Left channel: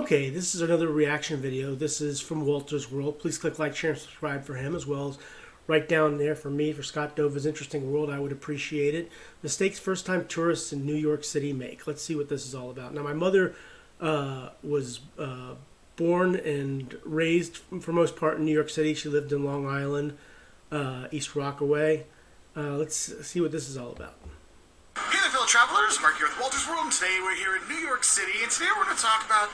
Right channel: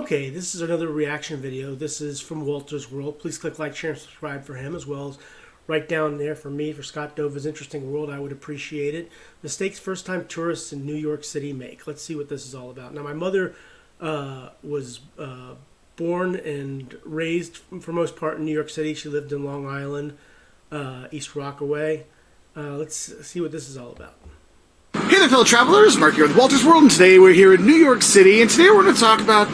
Okay, this is another reaction video. This is from Walter's World. Please click like, share, and subscribe for him, as well as right down there for me, for Scott Dova's Interesting World. I would appreciate it. Mistakes first-time tourists in New York City make. Let's see what this is all about. Now, my mother was born and raised, for most part, in New York City. She lived in Long Island, East Rockaway. Let's see what this is all about. Hey there, fellow travelers. Mark here with Walter's World, and today we're here in New York City, and today we're going to talk about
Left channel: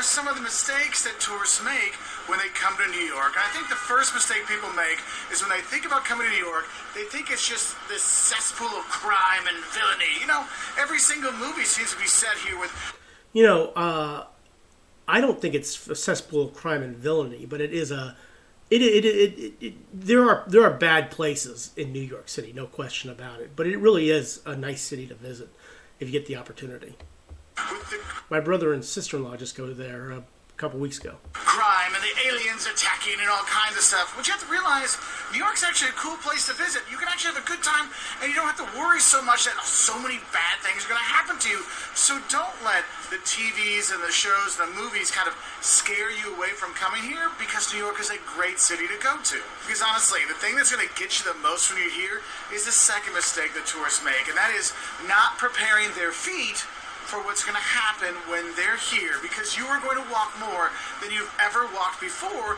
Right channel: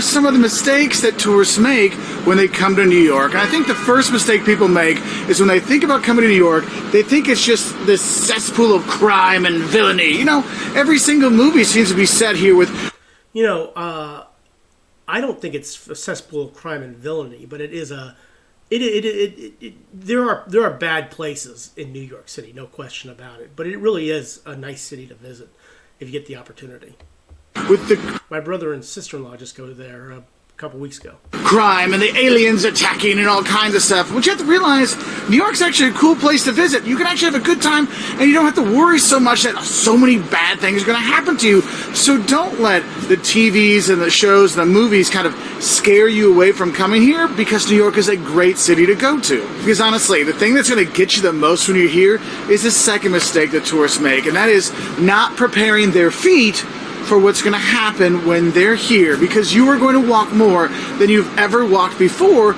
some of the mistakes that tourists make when they come to New York. And I think the first mistake people make is when they think about coming to New York, they think it's just this cesspool of crime and villainy. You know, every single movie seems to be set here with... You know, I don't think it's a cesspool of crime and villainy, but it is a... There are bad places in New York City, no question about it. But it really is a nice city to visit if you get the opportunity. My brother and sister-in-law just go there a couple weeks ago. Crime and the aliens attacking and all kinds of stuff. But you have to realize, New York's actually a cool place to visit. You can actually have a good time, and you don't have to worry so much that so many bad things are going to happen to you. So don't let the TVs and the shows and the movies kind of scare you away from coming here, because New York is a great city to go to. Because honestly, the thing that's going to get you the most when you're here is the second mistake that tourists make, and that is not preparing their feet for what's going to happen when they're here, because you are going to walk more than you've ever walked before.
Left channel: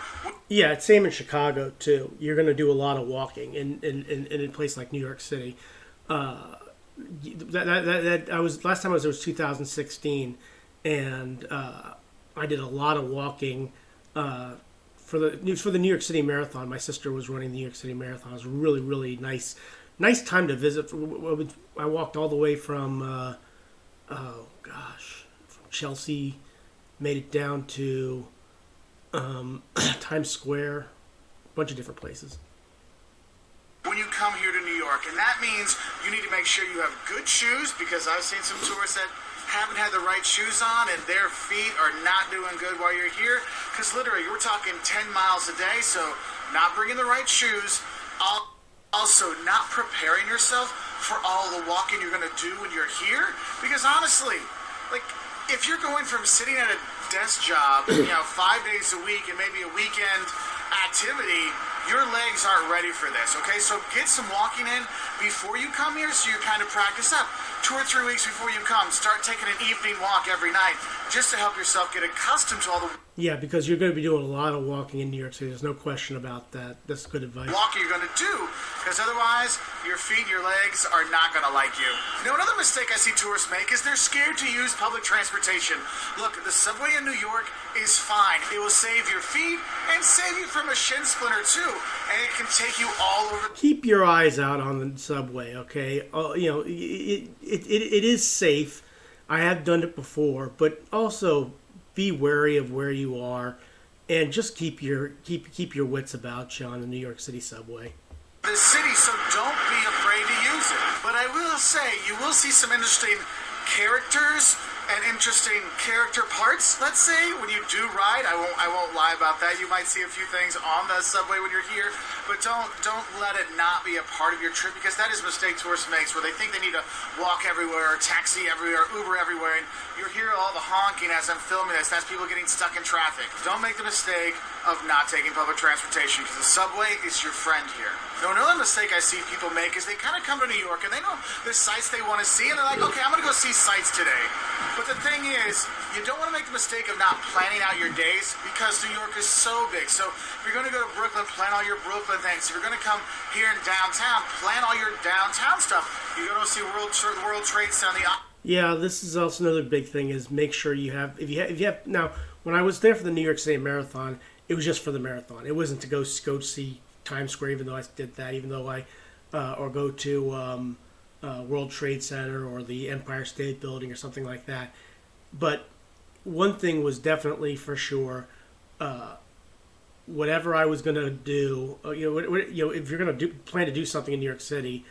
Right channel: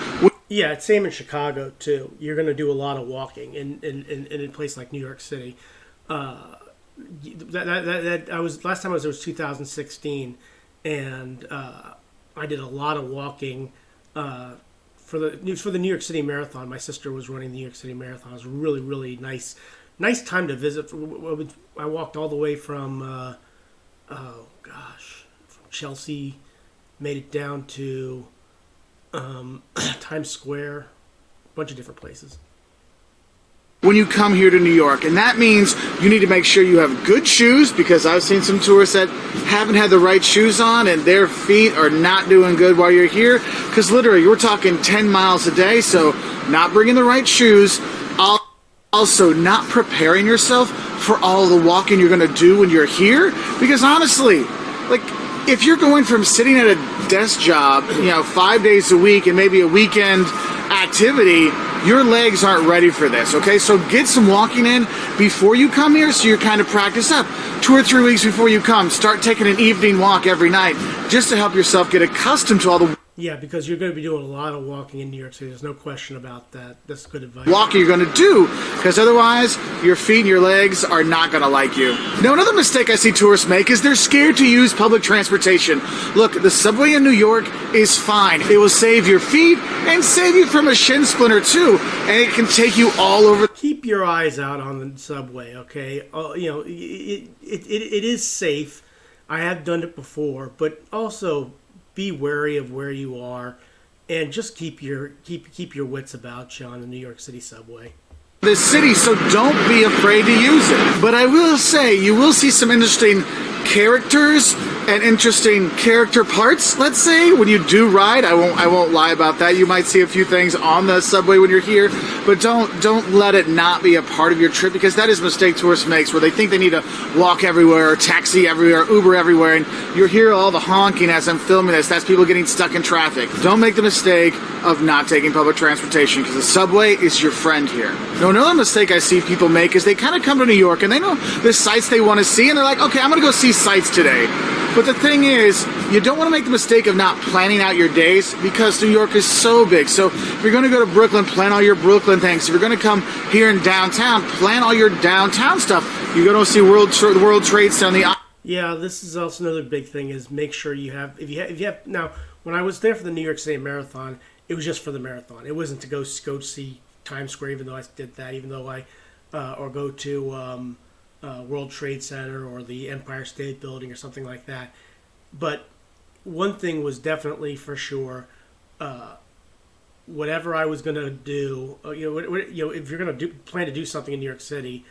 Yeah, it's same in Chicago too. You're going to do a lot of walking in a place like New York City. I was last time I was there was 2016, and I did a lot of walking for the New York City Marathon. My sister was running the New York City Marathon. It was really nice time to visit. I walked all the way from from Chelsea, made it down to Times Square, a bunch of different places. When you come here to New York, and that means you need to make sure you have good shoes, because I've seen some tourists that haven't had the right shoes on and their feet are not doing good while you're here, because literally you're talking 10 miles a day, so not bringing the right shoes. Also, not preparing yourself for all the walking you're going to do when you're here. Because honestly, like, if you're going from sitting at a desk job, 5 days a week and maybe a weekend activity, your legs aren't ready for this, okay? So get some walking in before you come here, so you're kind of practiced up. 2 or 3 weeks before you come, start taking an evening walk every night, just to help yourself get accustomed to all the... Yeah, because you're going to be doing a lot of walking in New York City. There's no question about that. That's good advice. Walking you're going to do, because otherwise your feet and your legs are not going to like you. Now, another mistake I see tourists make is they're scared to use public transportation. Look, the subway in New York is fine. It will save your feet and save you from a shin splinter too, and it can take you all over. Keep your eyes out on the subway, okay? It is safe. I have done it before, but also be wary of where you are, and just keep your wits about you on the New York City subway. The city, so don't be afraid to use it. But I will say, you will see some interesting characters and interesting character parts, let's say, when you do ride. I won't lie about that. You might see a few things on the subway when you're here, but don't let it not be a part of your trip, because that is a mistake tourists make, where they think they need to walk everywhere, or taxi everywhere, Uber everywhere, and you're here all the honking as I'm filming this. That's people getting stuck in traffic. Don't make the mistake of not taking public transportation, because the subway is your friend here. Now, another mistake I see people make is they kind of come to New York and they know the sites they want to see, and they're like, okay, I'm going to go see sites today. But the thing is, you don't want to make the mistake of not planning out your days, because New York is so big. So if you're going to go to Brooklyn, plan all your Brooklyn things. If you're going to come here in downtown, plan all your downtown stuff. You're going to see the World Trade Center. Yeah, this is also another big thing, is make sure you have, if you have, now, when I was there for the New York City Marathon, it was just for the marathon. It wasn't to go see Times Square, even though I did that, or go to World Trade Center or the Empire State Building or something like that. But one thing was definitely for sure, whatever I was going to do, if you're going to plan to do something in New York City,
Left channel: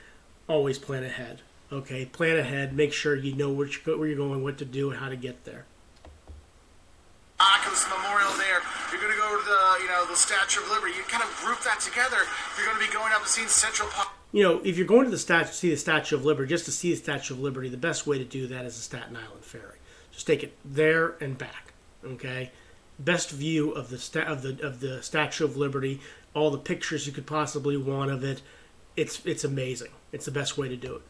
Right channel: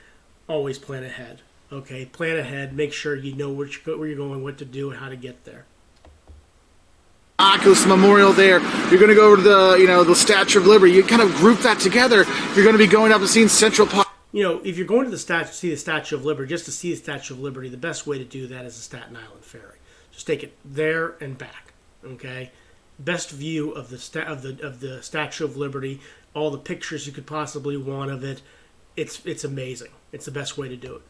always plan ahead. Okay, plan ahead. Make sure you know where you're going, what to do, and how to get there. Oculus Memorial there. You're going to go over to the Statue of Liberty. You kind of group that together. You're going to be going up and seeing Central Park. If you're going to see the Statue of Liberty, just to see the Statue of Liberty, the best way to do that is the Staten Island Ferry. Just take it there and back. Okay, best view of the Statue of Liberty, all the pictures you could possibly want of it. It's amazing. It's the best way to do it.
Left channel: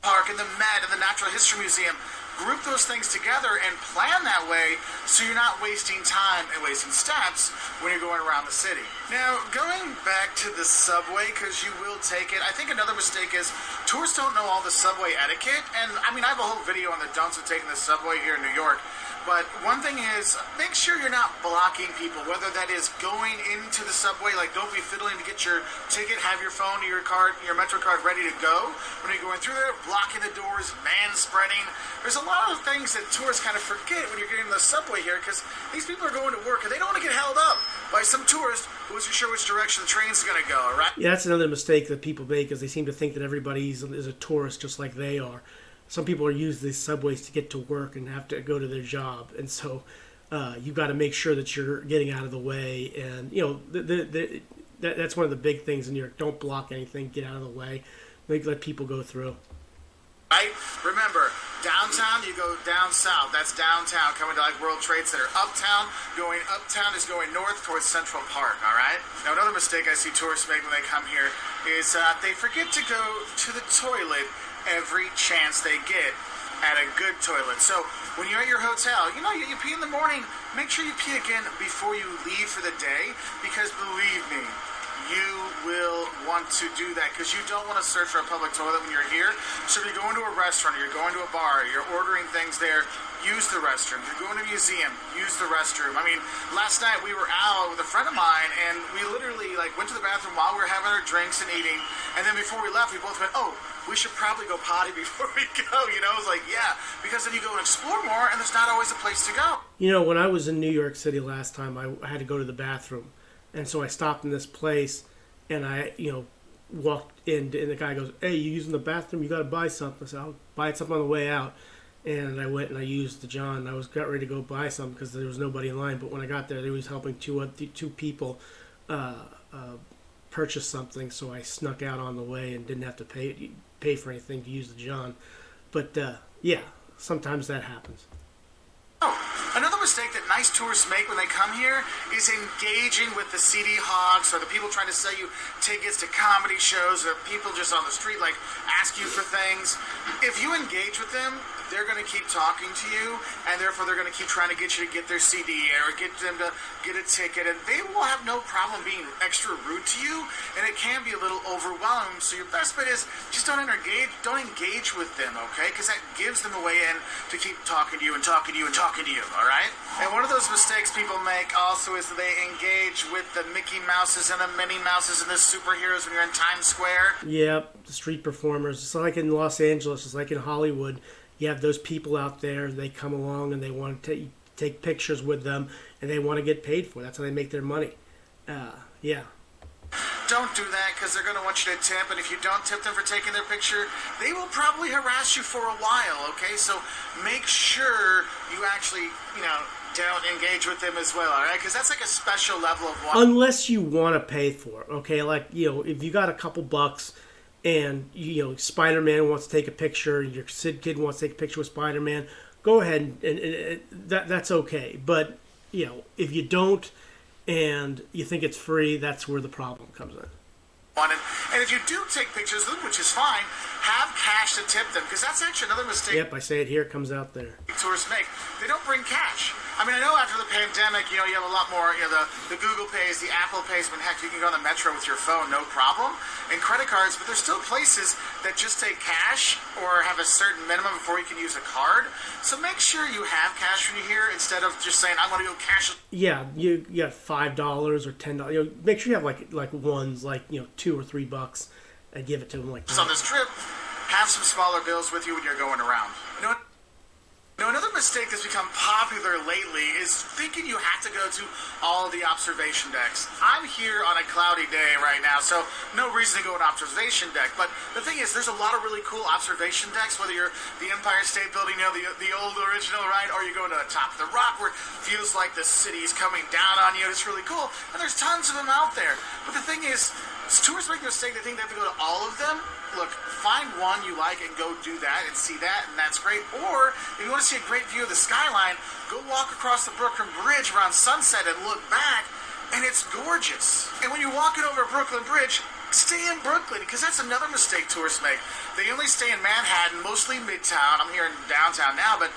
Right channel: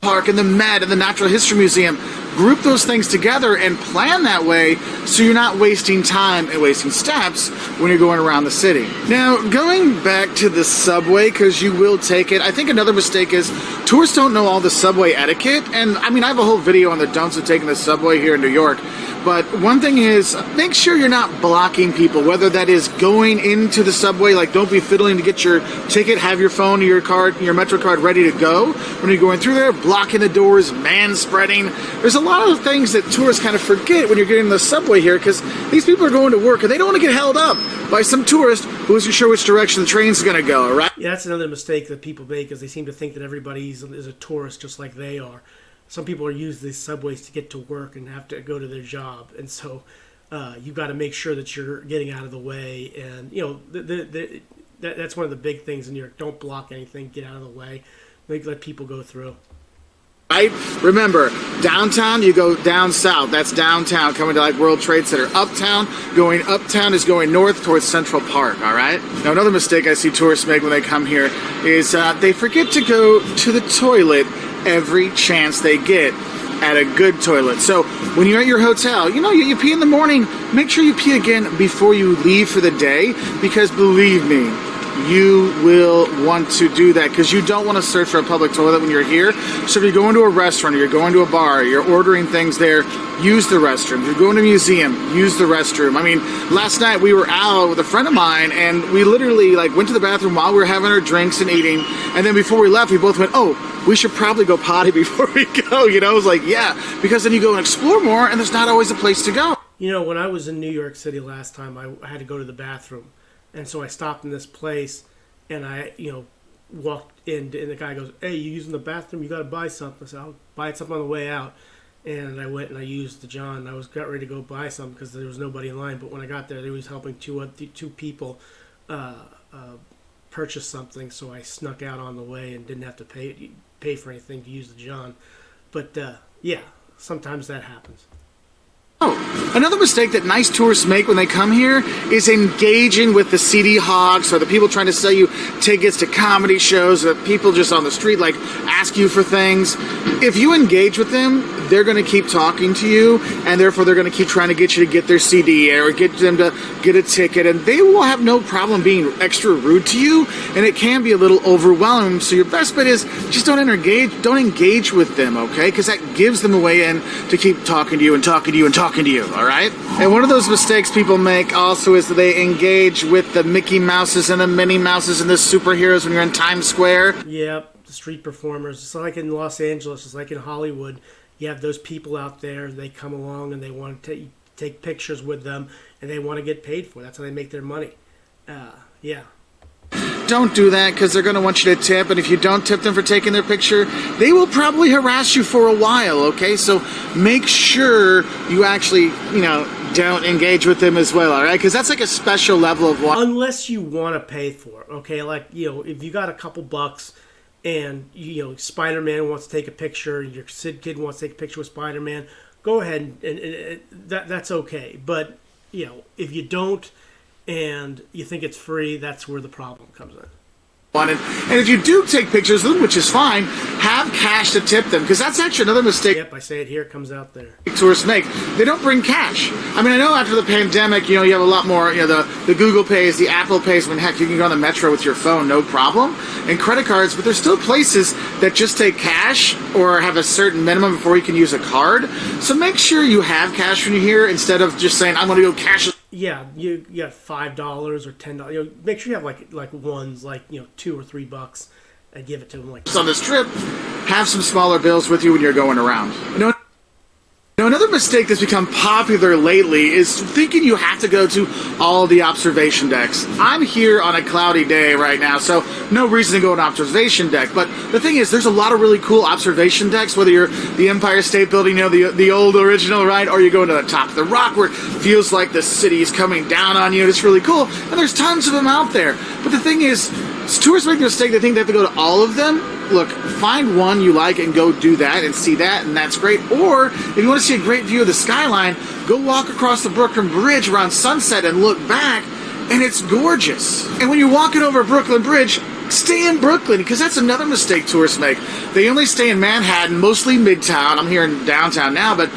Park and the Met and the Natural History Museum, group those things together and plan that way so you're not wasting time and wasting steps when you're going around the city. Now, going back to the subway, because you will take it, I think another mistake is tourists don't know all the subway etiquette. And I mean, I have a whole video on the don'ts of taking the subway here in New York. But one thing is, make sure you're not blocking people, whether that is going into the subway, like don't be fiddling to get your ticket, have your phone or your card, your Metro card ready to go when you're going through there, blocking the doors, man-spreading. There's a lot of things that tourists kind of forget when you're getting the subway here, because these people are going to work and they don't want to get held up by some tourist who isn't sure which direction the train's going to go, all right? Yeah, that's another mistake that people make, is they seem to think that everybody is a tourist just like they are. Some people are using these subways to get to work and have to go to their job, and so you've got to make sure that you're getting out of the way. And that's one of the big things in New York. Don't block anything. Get out of the way. Let people go through. Right? Remember, downtown, you go down south. That's downtown, coming to like World Trade Center. Going uptown is going north towards Central Park, all right? Now, another mistake I see tourists make when they come here is they forget to go to the toilet every chance they get at a good toilet. So when you're at your hotel, you pee in the morning, make sure you pee again before you leave for the day, because believe me, you will want to do that, because you don't want to search for a public toilet when you're here. So if you're going to a restaurant or you're going to a bar, you're ordering things there, use the restroom. If you're going to a museum, use the restroom. I mean, last night we were out with a friend of mine and we literally went to the bathroom while we were having our drinks and eating, and then before we left we both went, oh, we should probably go potty before we go. I was like, yeah, because then you go and explore more and there's not always a place to go. When I was in New York City last time, I had to go to the bathroom. And so I stopped in this place, and I, walked in, and the guy goes, "Hey, you using the bathroom? You got to buy something." I said, "I'll buy something on the way out." And I went and I used the John. I got ready to go buy something because there was nobody in line. But when I got there, they was helping two people purchase something. So I snuck out on the way and didn't have to pay for anything to use the John. But yeah, sometimes that happens. Oh, another mistake that nice tourists make when they come here is engaging with the CD hogs or the people trying to sell you tickets to comedy shows, or people just on the street ask you for things. If you engage with them, they're going to keep talking to you, and therefore they're going to keep trying to get you to get their CD or get them to get a ticket, and they will have no problem being extra rude to you, and it can be a little overwhelming. So your best bet is just don't engage with them, okay? Because that gives them a way in to keep talking to you and talking to you and talking to you, all right? And one of those mistakes people make also is that they engage with the Mickey Mouses and the Minnie Mouses and the superheroes when you're in Times Square. Yep, the street performers. It's like in Los Angeles, it's like in Hollywood. You have those people out there, they come along and they want to take pictures with them, and they want to get paid for it. That's how they make their money. Yeah. Don't do that, because they're going to want you to tip, and if you don't tip them for taking their picture, they will probably harass you for a while, okay? So make sure you actually, don't engage with them as well, all right? Because that's like a special level of unless you want to pay for it, okay? If you got a couple bucks and, Spider-Man wants to take a picture, your Sid Kid wants to take a picture with Spider-Man, go ahead and that's okay. But, if you don't, and you think it's free, that's where the problem comes in. And if you do take pictures of them, which is fine, have cash to tip them, because that's actually another mistake. Yep, I say it here, it comes out there. Tourists make. They don't bring cash. I mean, I know after the pandemic, you have a lot more, the Google Pays, the Apple Pays, heck, you can go on the Metro with your phone, no problem, and credit cards, but there's still places that just take cash or have a certain minimum before you can use a card. So make sure you have cash when you're here instead of just saying, I'm going to go cash. Yeah, you got $5 or $10. Make sure you have like ones, $2 or $3, and give it to them. On this trip, have some smaller bills with you when you're going around. Now, another mistake that's become popular lately is thinking you have to go to all the observation decks. I'm here on a cloudy day right now, so no reason to go to an observation deck. But the thing is, there's a lot of really cool observation decks, whether you're the Empire State Building, the old original, right? Or you go to the top of the rock where it feels like the city is coming down on you. It's really cool. And there's tons of them out there. But the thing is, tourists make the mistake they think they have to go to all of them. look, find one you like and go do that and see that, and that's great. Or if you want to see a great view of the skyline, go walk across the Brooklyn Bridge around sunset and look back, and it's gorgeous. And when you're walking over Brooklyn Bridge, stay in Brooklyn, because that's another mistake tourists make. They only stay in Manhattan, mostly Midtown. I'm here in downtown now, but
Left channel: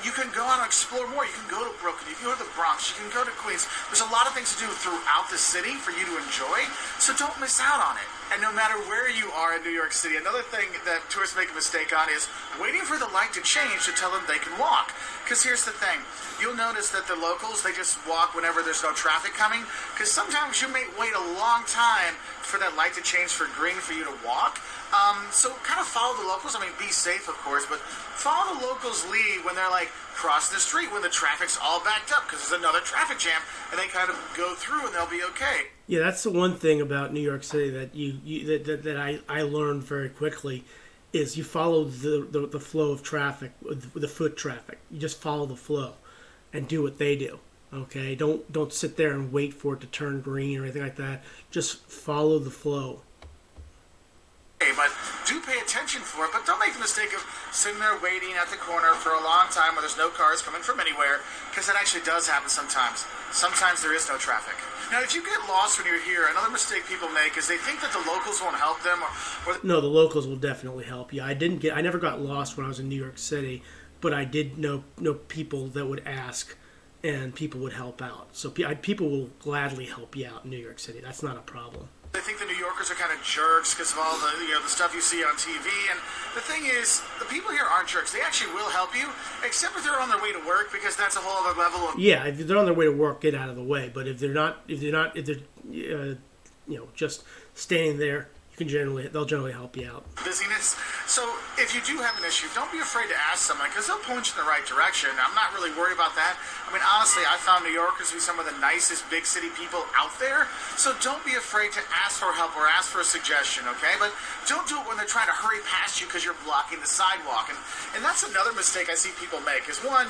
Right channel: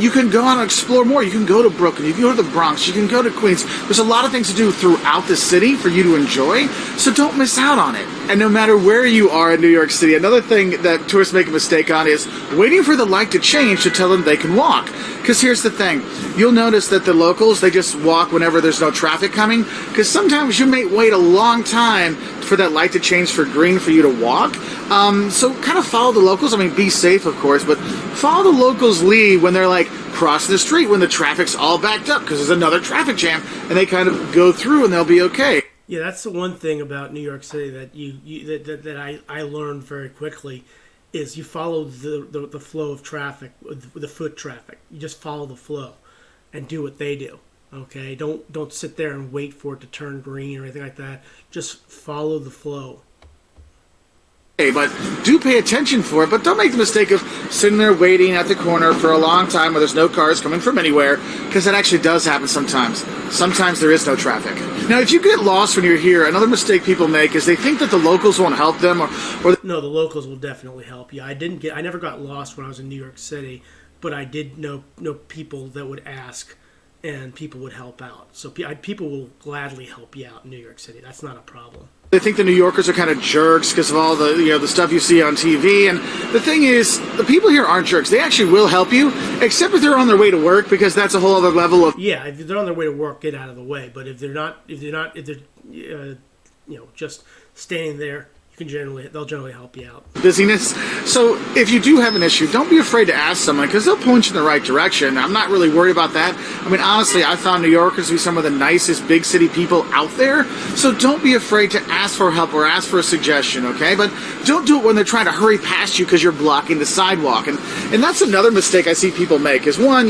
you can go out and explore more. You can go to Brooklyn, you can go to the Bronx, you can go to Queens. There's a lot of things to do throughout the city for you to enjoy, so don't miss out on it. And no matter where you are in New York City, another thing that tourists make a mistake on is waiting for the light to change to tell them they can walk. Because here's the thing, you'll notice that the locals, they just walk whenever there's no traffic coming, because sometimes you may wait a long time for that light to change for green for you to walk. So kind of follow the locals. I mean, be safe, of course, but follow the locals' lead when they're like crossing the street when the traffic's all backed up because there's another traffic jam, and they kind of go through and they'll be okay. Yeah, that's the one thing about New York City that I learned very quickly is you follow the flow of traffic, the foot traffic. You just follow the flow and do what they do. Okay, don't sit there and wait for it to turn green or anything like that. Just follow the flow. But do pay attention for it, but don't make the mistake of sitting there waiting at the corner for a long time where there's no cars coming from anywhere, because that actually does happen sometimes. Sometimes there is no traffic. Now, if you get lost when you're here, another mistake people make is they think that the locals won't help them, or No, the locals will definitely help you. I never got lost when I was in New York City, but I did know people that would ask, and people would help out. So people will gladly help you out in New York City. That's not a problem. they think the New Yorkers are kind of jerks because of all the the stuff you see on TV. And the thing is, the people here aren't jerks. They actually will help you, except if they're on their way to work, because that's a whole other level of. Yeah, if they're on their way to work, get out of the way. But if they're just standing there, they'll generally help you out. Busyness. So if you do have an issue, don't be afraid to ask someone, because they'll point you in the right direction. I'm not really worried about that. I mean, honestly, I found New Yorkers to be some of the nicest big city people out there. So don't be afraid to ask for help or ask for a suggestion, okay? But don't do it when they're trying to hurry past you because you're blocking the sidewalk. And that's another mistake I see people make is, one,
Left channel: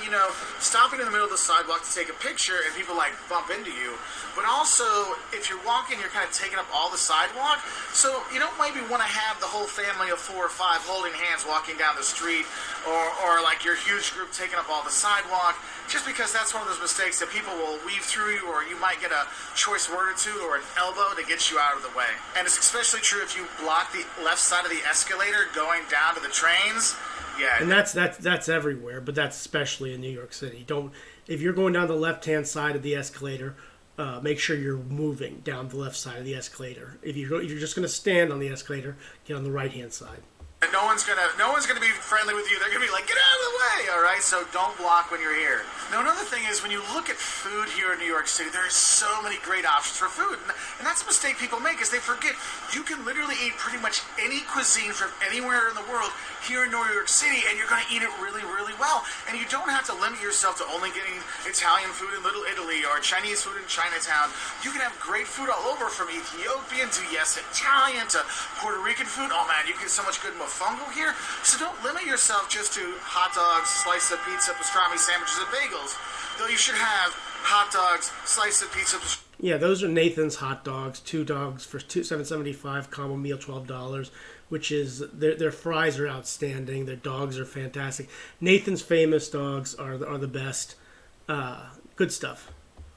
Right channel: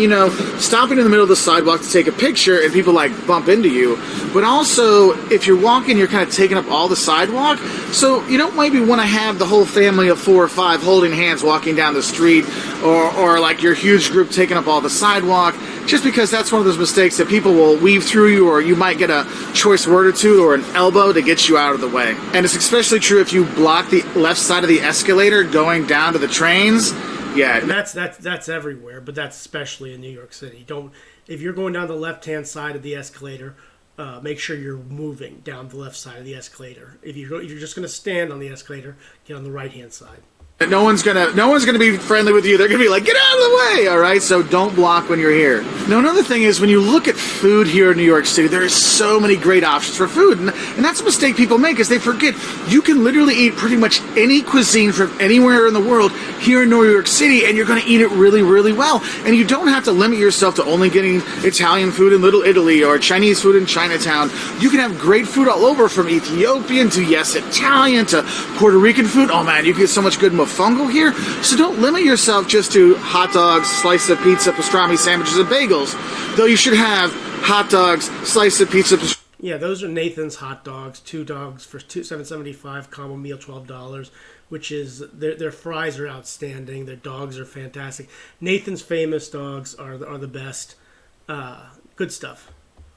stopping in the middle of the sidewalk to take a picture and people bump into you. But also, if you're walking, you're kind of taking up all the sidewalk. So you don't maybe want to have the whole family of 4 or 5 holding hands walking down the street, or like your huge group taking up all the sidewalk, just because that's one of those mistakes that people will weave through you, or you might get a choice word or two or an elbow to get you out of the way. And it's especially true if you block the left side of the escalator going down to the trains. Yeah, and that's everywhere, but that's especially in New York City. If you're going down the left-hand side of the escalator, make sure you're moving down the left side of the escalator. If you're just going to stand on the escalator, get on the right-hand side. No one's gonna be friendly with you. They're gonna be like, get out of the way, all right? So don't block when you're here. Now, another thing is, when you look at food here in New York City, there are so many great options for food, and that's a mistake people make, is they forget you can literally eat pretty much any cuisine from anywhere in the world here in New York City, and you're gonna eat it really, really well. And you don't have to limit yourself to only getting Italian food in Little Italy or Chinese food in Chinatown. You can have great food all over, from Ethiopian to, yes, Italian to Puerto Rican food. Oh man, you get so much good mofongo here. So don't limit yourself just to hot dogs, slice of pizza, pastrami sandwiches, and bagels. Though you should have hot dogs, slice of pizza. Yeah, those are Nathan's hot dogs. 2 dogs for $7.75, combo meal $12. Which is their fries are outstanding. Their dogs are fantastic. Nathan's famous dogs are the best. Good stuff.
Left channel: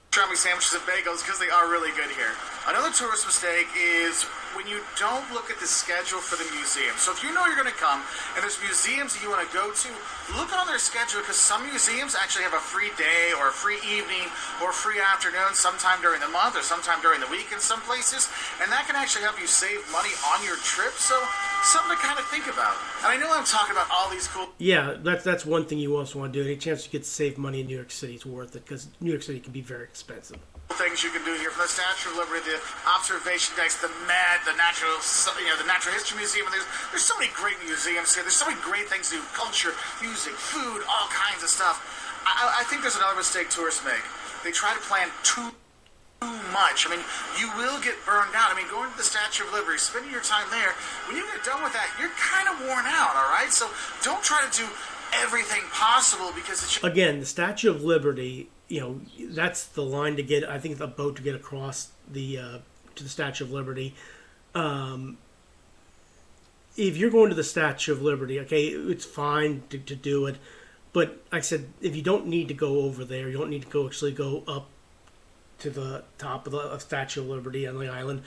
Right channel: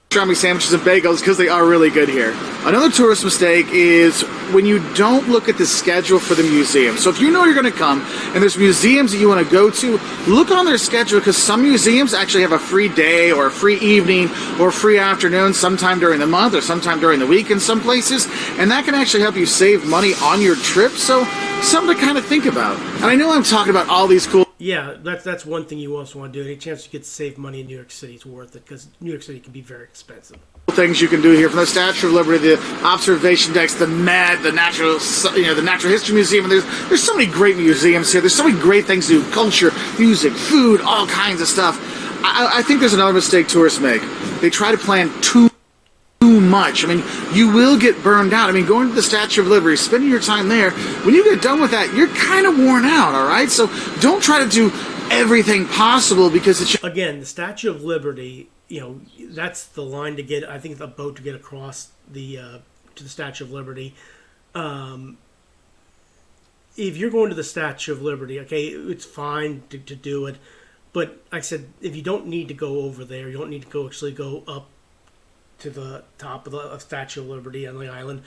Pastrami sandwiches and bagels, because they are really good here. Another tourist mistake is when you don't look at the schedule for the museum. So if you know you're going to come and there's museums that you want to go to, look on their schedule, because some museums actually have a free day or a free evening or free afternoon sometime during the month or sometime during the week in some places, and that can actually help you save money on your trip. So something to kind of think about. And I know I'm talking about all these cool. Yeah, that's one thing you also want to do. Any chance you get to save money in New York City is worth it, because New York City can be very expensive. Things you can do here, from the Statue of Liberty, the observation decks, the Met, the Natural History Museum. And there's so many great museums here. There's so many great things to do: culture, music, food, all kinds of stuff. I think there's another mistake tourists make. They try to plan too much. I mean, you will get burned out. I mean, going to the Statue of Liberty, spending your time there, when you get done with that, you're kind of worn out, all right? So don't try to do everything possible, because it's... Again, the Statue of Liberty, that's the line to get, I think, the boat to get across to the Statue of Liberty. if you're going to the Statue of Liberty, okay, it's fine to do it. But like I said, if you don't need to go over there, you don't need to go up to the top of the Statue of Liberty on the island.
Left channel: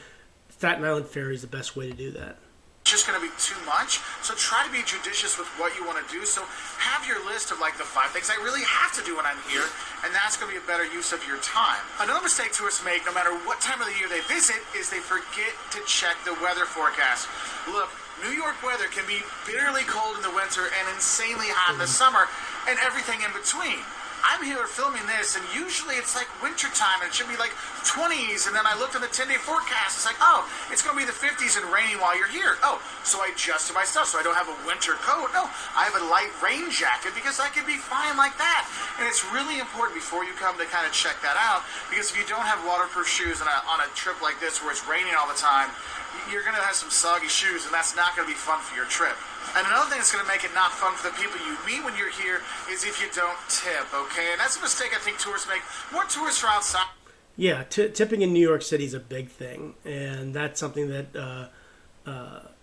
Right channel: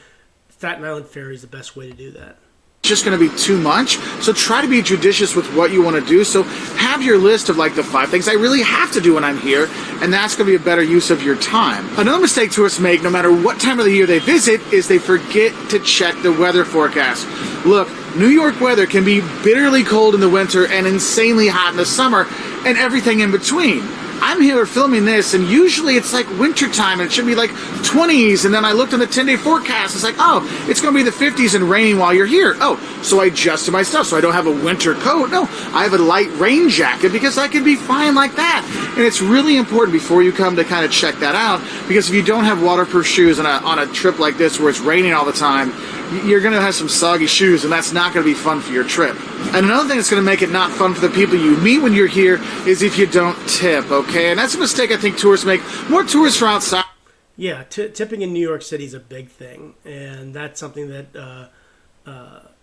Staten Island Ferry is the best way to do that. Just going to be too much, so try to be judicious with what you want to do. So have your list of like the 5 things I really have to do when I'm here, and that's going to be a better use of your time. Another mistake tourists make, no matter what time of the year they visit, is they forget to check the weather forecast. Look, New York weather can be bitterly cold in the winter and insanely hot in the summer, and everything in between. I'm here filming this, and usually it's like wintertime, and it should be like 20s, and then I looked at the 10-day forecast, it's like, oh, it's going to be the 50s and raining while you're here. Oh, so I adjusted my stuff, so I don't have a winter coat. No, I have a light rain jacket, because I can be fine like that. And it's really important before you come to kind of check that out, because if you don't have waterproof shoes on a trip like this where it's raining all the time, you're going to have some soggy shoes, and that's not going to be fun for your trip. And another thing that's going to make it not fun for the people you meet when you're here is if you don't tip, okay? And that's a mistake I think tourists make. More tourists are outside. Yeah, tipping in New York City is a big thing, and that's something that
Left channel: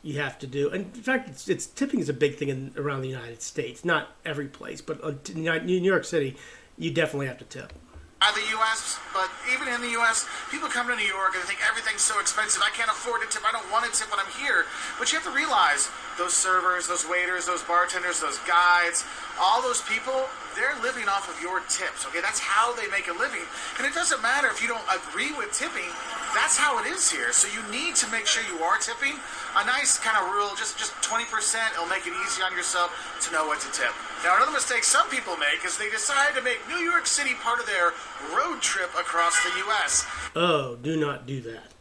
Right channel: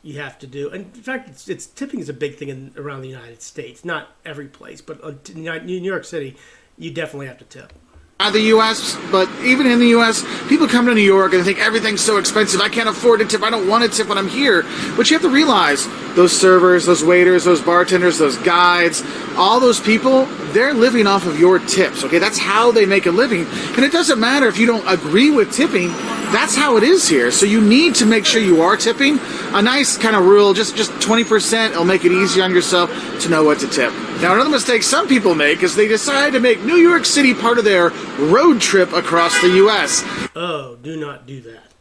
you have to do. And in fact, it's tipping is a big thing around the United States. Not every place, but in New York City, you definitely have to tip. The U.S., but even in the U.S., people come to New York and think everything's so expensive. I can't afford to tip. I don't want to tip when I'm here. But you have to realize those servers, those waiters, those bartenders, those guides, all those people, they're living off of your tips, okay? That's how they make a living. And it doesn't matter if you don't agree with tipping. That's how it is here. So you need to make sure you are tipping. A nice kind of rule, just 20%, will make it easy on yourself to know what to tip. Now, another mistake some people make is they decide to make New York City part of their road trip across the U.S. Oh, do not do that.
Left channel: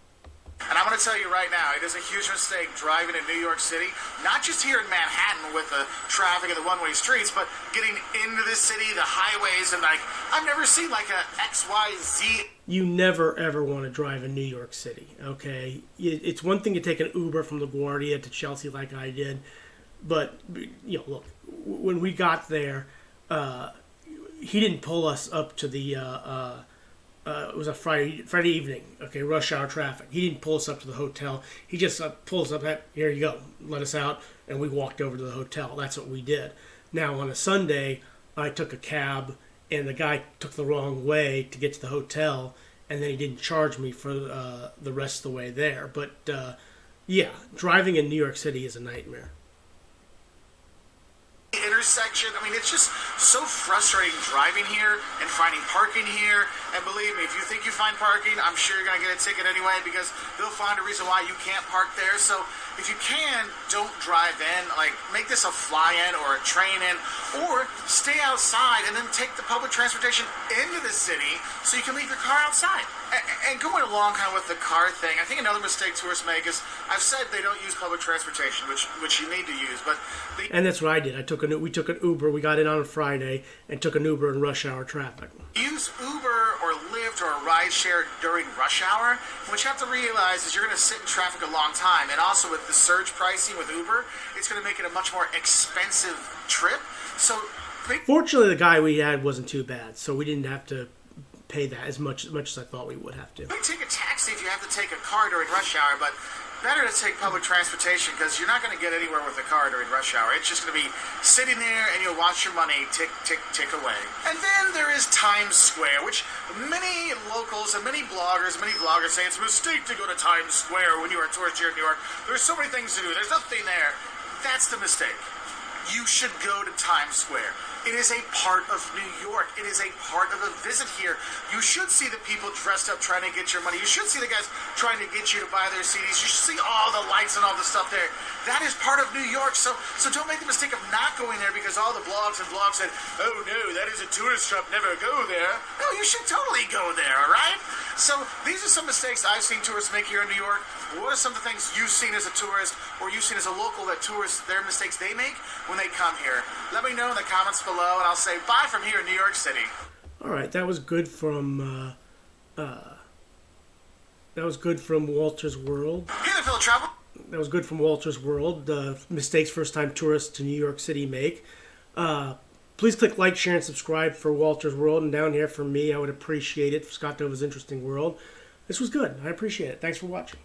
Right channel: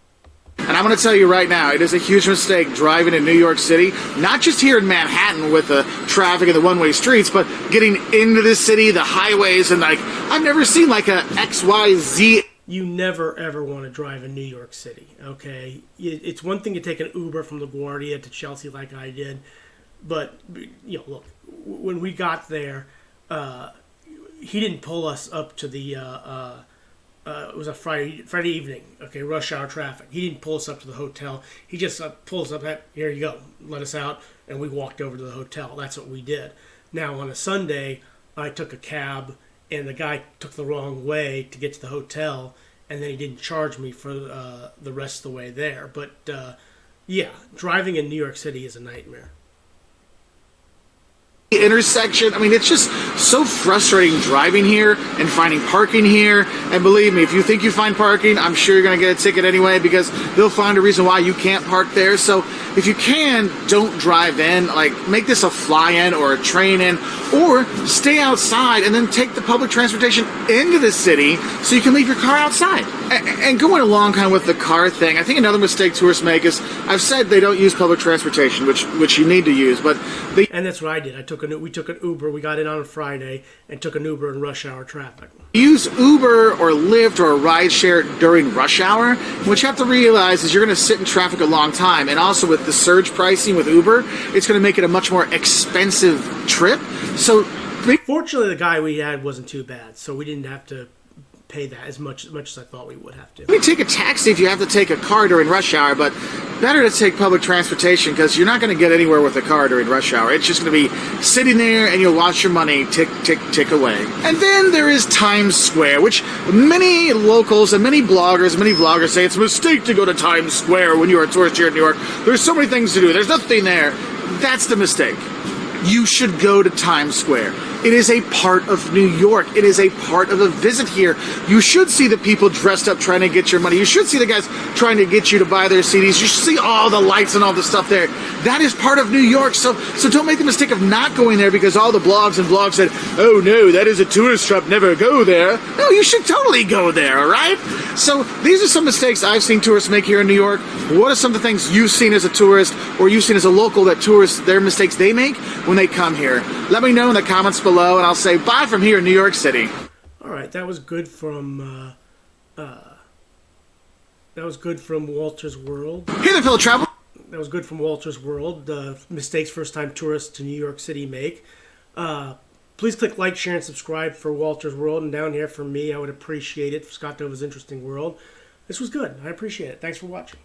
And I'm going to tell you right now, it is a huge mistake driving in New York City, not just here in Manhattan with the traffic and the one-way streets, but getting into the city, the highways, and like, I've never seen like a XYZ. You never, ever want to drive in New York City, okay? It's one thing to take an Uber from LaGuardia to Chelsea like I did, but, you know, look, when we got there, he didn't pull us up to the, it was a Friday evening, okay, rush hour traffic. He didn't pull us up to the hotel. He just pulled us up, here you go, let us out, and we walked over to the hotel. That's what we did. Now, on a Sunday, I took a cab, and the guy took the wrong way to get to the hotel, and then he didn't charge me for the rest of the way there. But, yeah, driving in New York City is a nightmare. Intersection. I mean, it's just so frustrating driving here and finding parking here. And believe me, if you think you find parking, I'm sure you're going to get a ticket anyway, because they'll find a reason why you can't park there. So if you can, don't drive in. Like, make this a fly-in or a train-in, or stay outside and then take the public transportation into the city so you can leave your car outside. And going along kind of with the car thing, I think another mistake tourists make is, I've said they don't use public transportation, which you need to use, but they... And that's what I did. We took an Uber. We got in on a Friday and took an Uber in rush hour traffic. Use Uber or Lyft or a rideshare during rush hour. What you have to realize is you're going to sit in traffic a long time, and also with the surge pricing with Uber, it's going to make it a much more expensive trip. So, fortunately, the guy we had wasn't too bad, so we didn't have to pay that as much as I thought we would have to. You can take a taxi if you have to take a car during rush hour, but better to take public transportation, because you're not going to get anywhere with a car during rush hour. It's just going to be sitting there, and you'll watch your money tick, tick, tick away. And then there is Times Square, which many locals and many bloggers, many vloggers say it's a mistake to go to Times Square when you're a tourist here in New York. There's so many things to do. There's nothing there. That's the mistake. You should go to Times Square. It is a part of New York. It is a part of a visit here. You should see the people dressed up trying to get your money. You should see the guys trying to get you to buy their CDs. You should see all the lights and all the stuff there. That is part of New York. So don't make the mistake of not going there because all the blogs and vlogs said, oh no, that is a tourist trap, never go there. No, you should totally go there, all right? So these are some mistakes I've seen tourists make here in New York. What are some of the things you've seen as a tourist or you've seen as a local that tourists, their mistakes they make when they come here? Let me know in the comments below, and I'll say bye from here in New York City. All right, that was good from Walter's World. Hey there, fellow traveler. That was good from Walter's World. Mistakes first-time tourists to New York City make. Please click like, share, and subscribe for Walter's World. And down here for me, I would appreciate it. For Scott Dova's Interesting World. This was good. I appreciate it. Thanks for watching.